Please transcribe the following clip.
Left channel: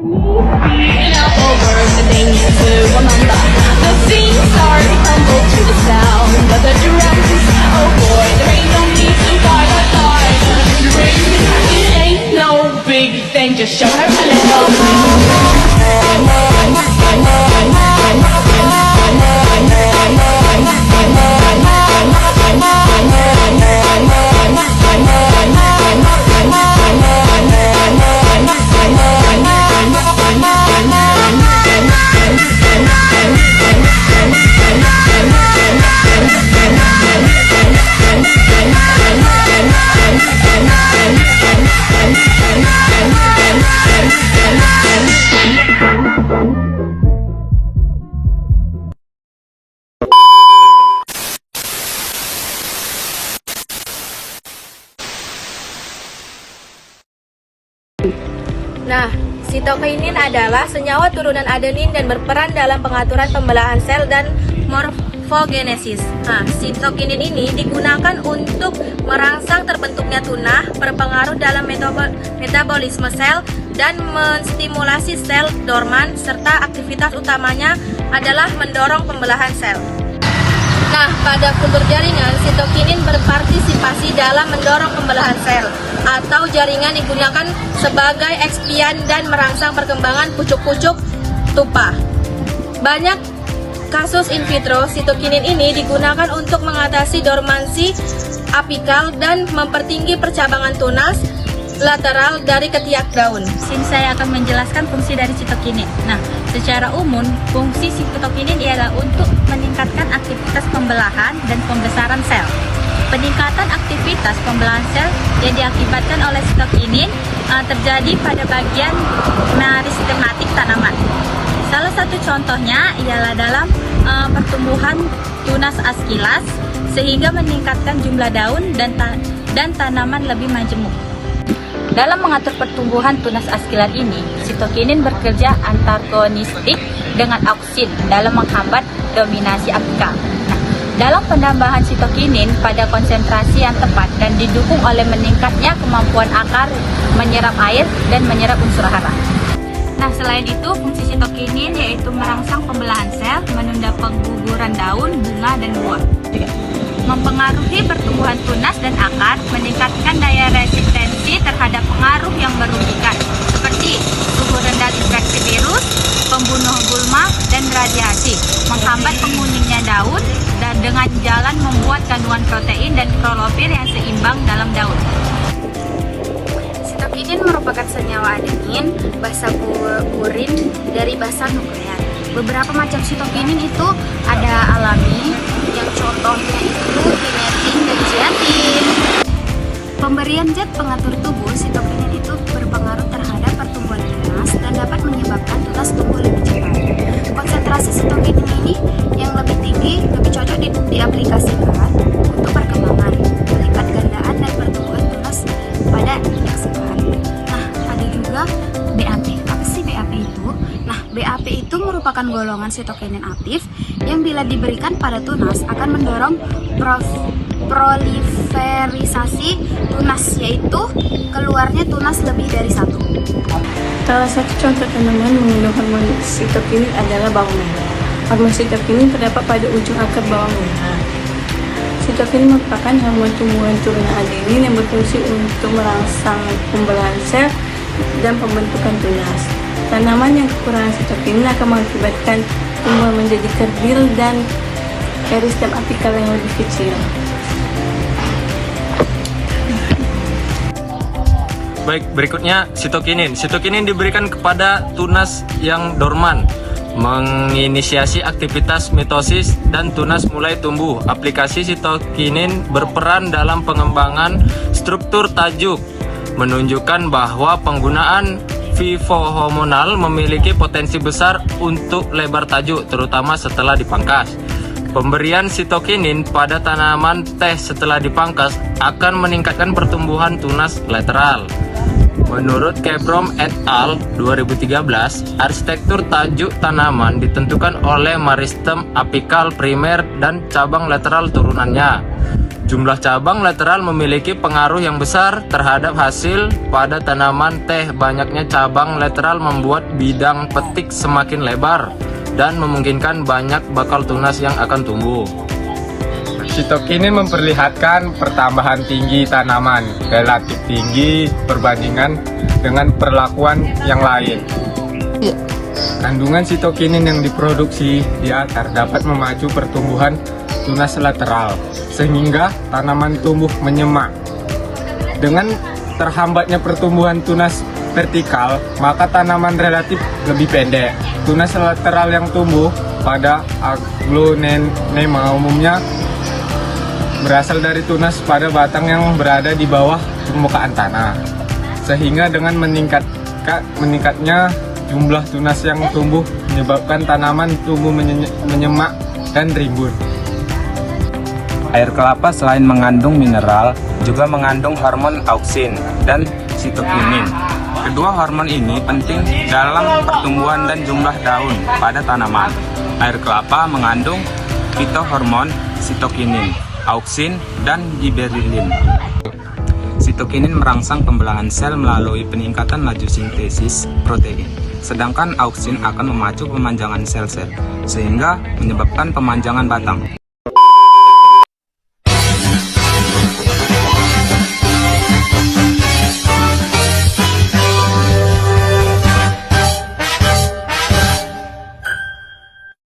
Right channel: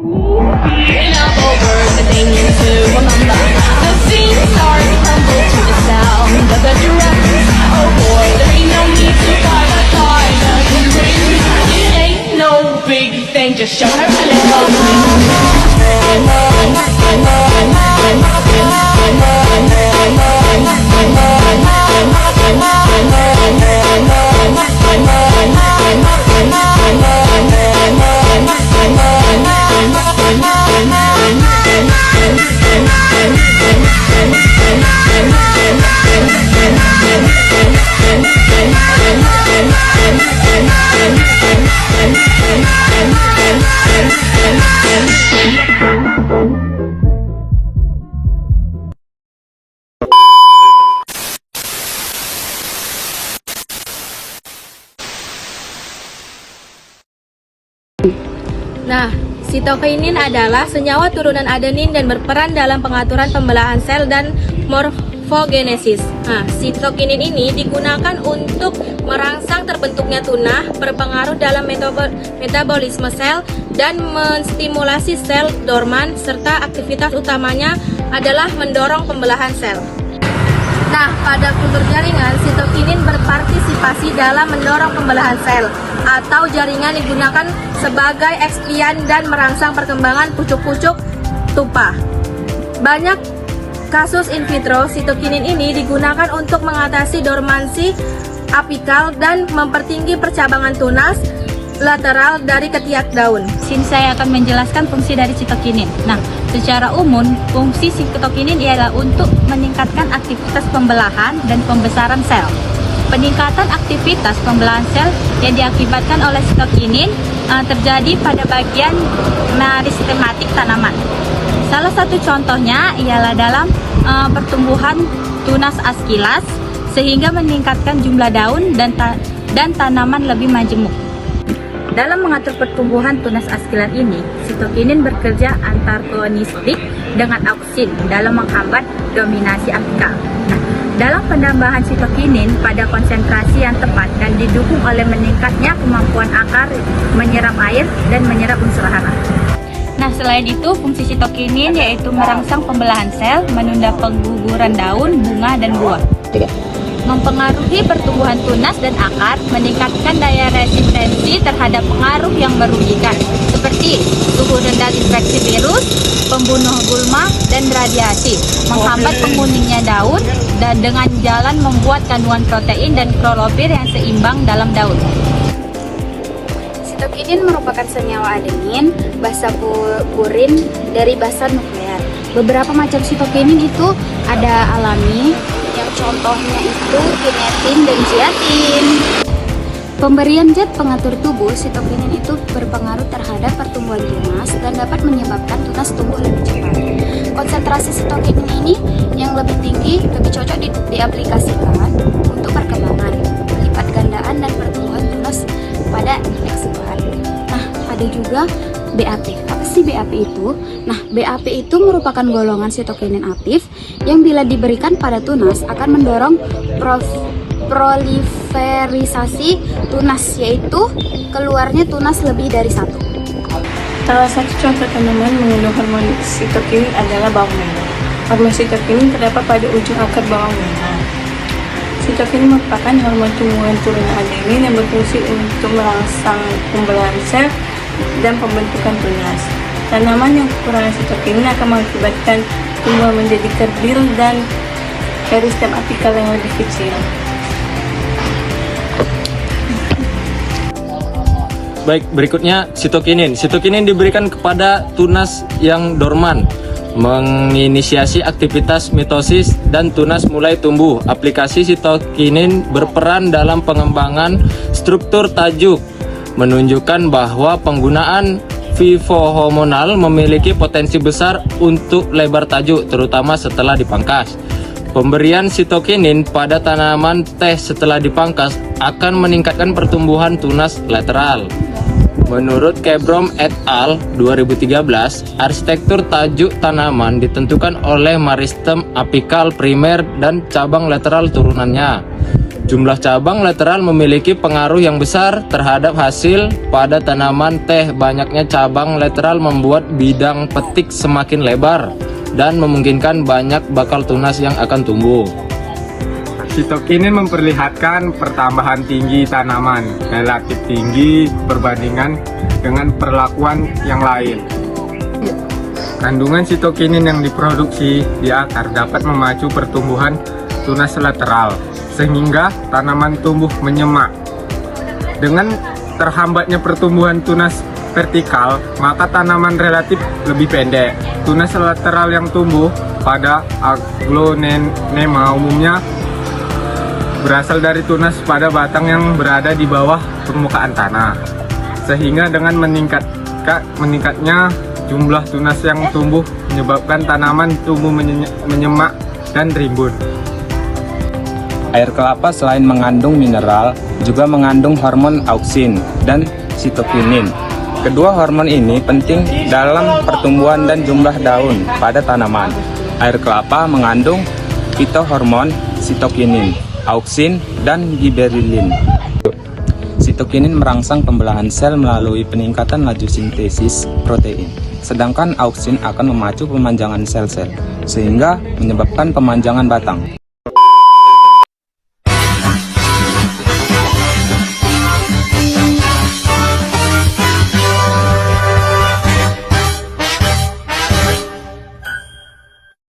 An elbow bird, a thing to remember. The scene start to tumble to the sound of the drums. Oh boy, there ain't no need to fight a silent ring. It ain't no big thing, just show her a little Nah, sitokinin adalah senyawa turunan adenin dan berperan dalam pengaturan pembelahan sel dan morfogenesis. Nah, sitokinin ini digunakan untuk merangsang terbentuknya tunah, berpengaruh dalam metabolisme sel, dan menstimulasi sel dorman, serta aktivitas utamanya adalah mendorong pembelahan sel. Nah, pada kultur jaringan, sitokinin berpartisipasi dalam mendorong pembelahan sel, atau jaringan digunakan sebagai ekspian dan merangsang perkembangan pucuk-pucuk tupa. Banyak kasus in vitro, sitokinin ini digunakan untuk mengatasi dormansi apikal dan mempertinggi percabangan tunas lateral dari ketiak daun. Sini saya akan menjelaskan fungsi dari sitokinin. Nah, secara umum, fungsi sitokinin ialah untuk meningkatkan aktivitas pembelahan dan pembesaran sel. Peningkatan aktivitas pembelahan sel yang diakibatkan oleh sitokinin terjadi pada bagian meristematik tanaman. Salah satu contohnya ialah dalam pertumbuhan tunas askilas, sehingga meningkatkan jumlah daun dan tanaman lebih majemuk. Dalam mengatur pertumbuhan tunas askilat ini, sitokinin bekerja antagonistik dengan auksin dalam menghambat dominasi apikal. Dalam penambahan sitokinin pada konsentrasi yang tepat dan didukung oleh meningkatnya kemampuan akar menyerap air dan menyerap unsur hara. Nah, selain itu, fungsi sitokinin yaitu merangsang pembelahan sel, menunda pengguguran daun, bunga, dan buah. Mempengaruhi pertumbuhan tunas dan akar, meningkatkan daya resistensi terhadap pengaruh yang merugikan, seperti suhu rendah infeksi virus, pembunuh gulma, dan radiasi, menghambat penguningnya daun, dan dengan jalan membuat kandungan protein dan klorofil yang seimbang dalam daun. Sitokinin merupakan senyawa adenin, basa purin dari basa nuklear. Beberapa macam sitokinin itu ada alami, yang contohnya itu kinetin dan zeatin. Pemberian zat pengatur tubuh, sitokinin itu berpengaruh terhadap pertumbuhan tunas dan dapat menyebabkan tunas tumbuh lebih cepat. Konsentrasi sitokinin ini yang lebih tinggi lebih cocok diaplikasikan untuk perkembangan, pelipat gandaan, dan pertumbuhan tunas pada eksemplar. Nah, ada juga BAP. Apa sih BAP itu? Nah, BAP itu merupakan golongan sitokinin aktif yang bila diberikan pada tunas akan mendorong proliferisasi tunas, yaitu keluarnya tunas lebih dari satu. Salah satu contoh tanaman mengandung hormon sitokinin adalah bawang merah. Hormon sitokinin terdapat pada ujung akar bawang merah. Sitokinin merupakan hormon tumbuhan turunan adenin yang berfungsi untuk merangsang pembelahan sel dan pembentukan tunas. Tanaman yang kekurangan sitokinin akan mengakibatkan tumbuhan menjadi kerdil dan meristem apikal yang lebih kecil. Baik, berikutnya sitokinin. Sitokinin diberikan kepada tunas yang dorman, menginisiasi aktivitas mitosis dan tunas mulai tumbuh. Aplikasi sitokinin berperan dalam pengembangan struktur tajuk, menunjukkan bahwa penggunaan vivohormonal memiliki potensi besar untuk lebar tajuk, terutama setelah dipangkas. Pemberian sitokinin pada tanaman teh setelah dipangkas akan meningkatkan pertumbuhan tunas lateral. Menurut Kebrom et al. 2013, arsitektur tajuk tanaman ditentukan oleh meristem apikal primer dan cabang lateral turunannya. Jumlah cabang lateral memiliki pengaruh yang besar terhadap hasil pada tanaman teh. Banyaknya cabang lateral membuat bidang petik semakin lebar dan memungkinkan banyak bakal tunas yang akan tumbuh. Sitokinin memperlihatkan pertambahan tinggi tanaman, relatif tinggi perbandingan dengan perlakuan yang lain. Kandungan sitokinin yang diproduksi di akar dapat memacu pertumbuhan tunas lateral, sehingga tanaman tumbuh menyemak. Dengan terhambatnya pertumbuhan tunas vertikal, maka tanaman relatif lebih pendek. Tunas lateral yang tumbuh pada aglonema umumnya berasal dari tunas pada batang yang berada di bawah permukaan tanah, sehingga dengan meningkatnya jumlah tunas yang tumbuh menyebabkan tanaman tumbuh menyemak dan rimbun. Air kelapa selain mengandung mineral, juga mengandung hormon auksin dan sitokinin. Kedua hormon ini penting dalam pertumbuhan dan jumlah daun pada tanaman. Air kelapa mengandung fitohormon sitokinin, auksin, dan giberellin. Sitokinin merangsang pembelahan sel melalui peningkatan laju sintesis protein, sedangkan auksin akan memacu pemanjangan sel-sel, sehingga menyebabkan pemanjangan batang.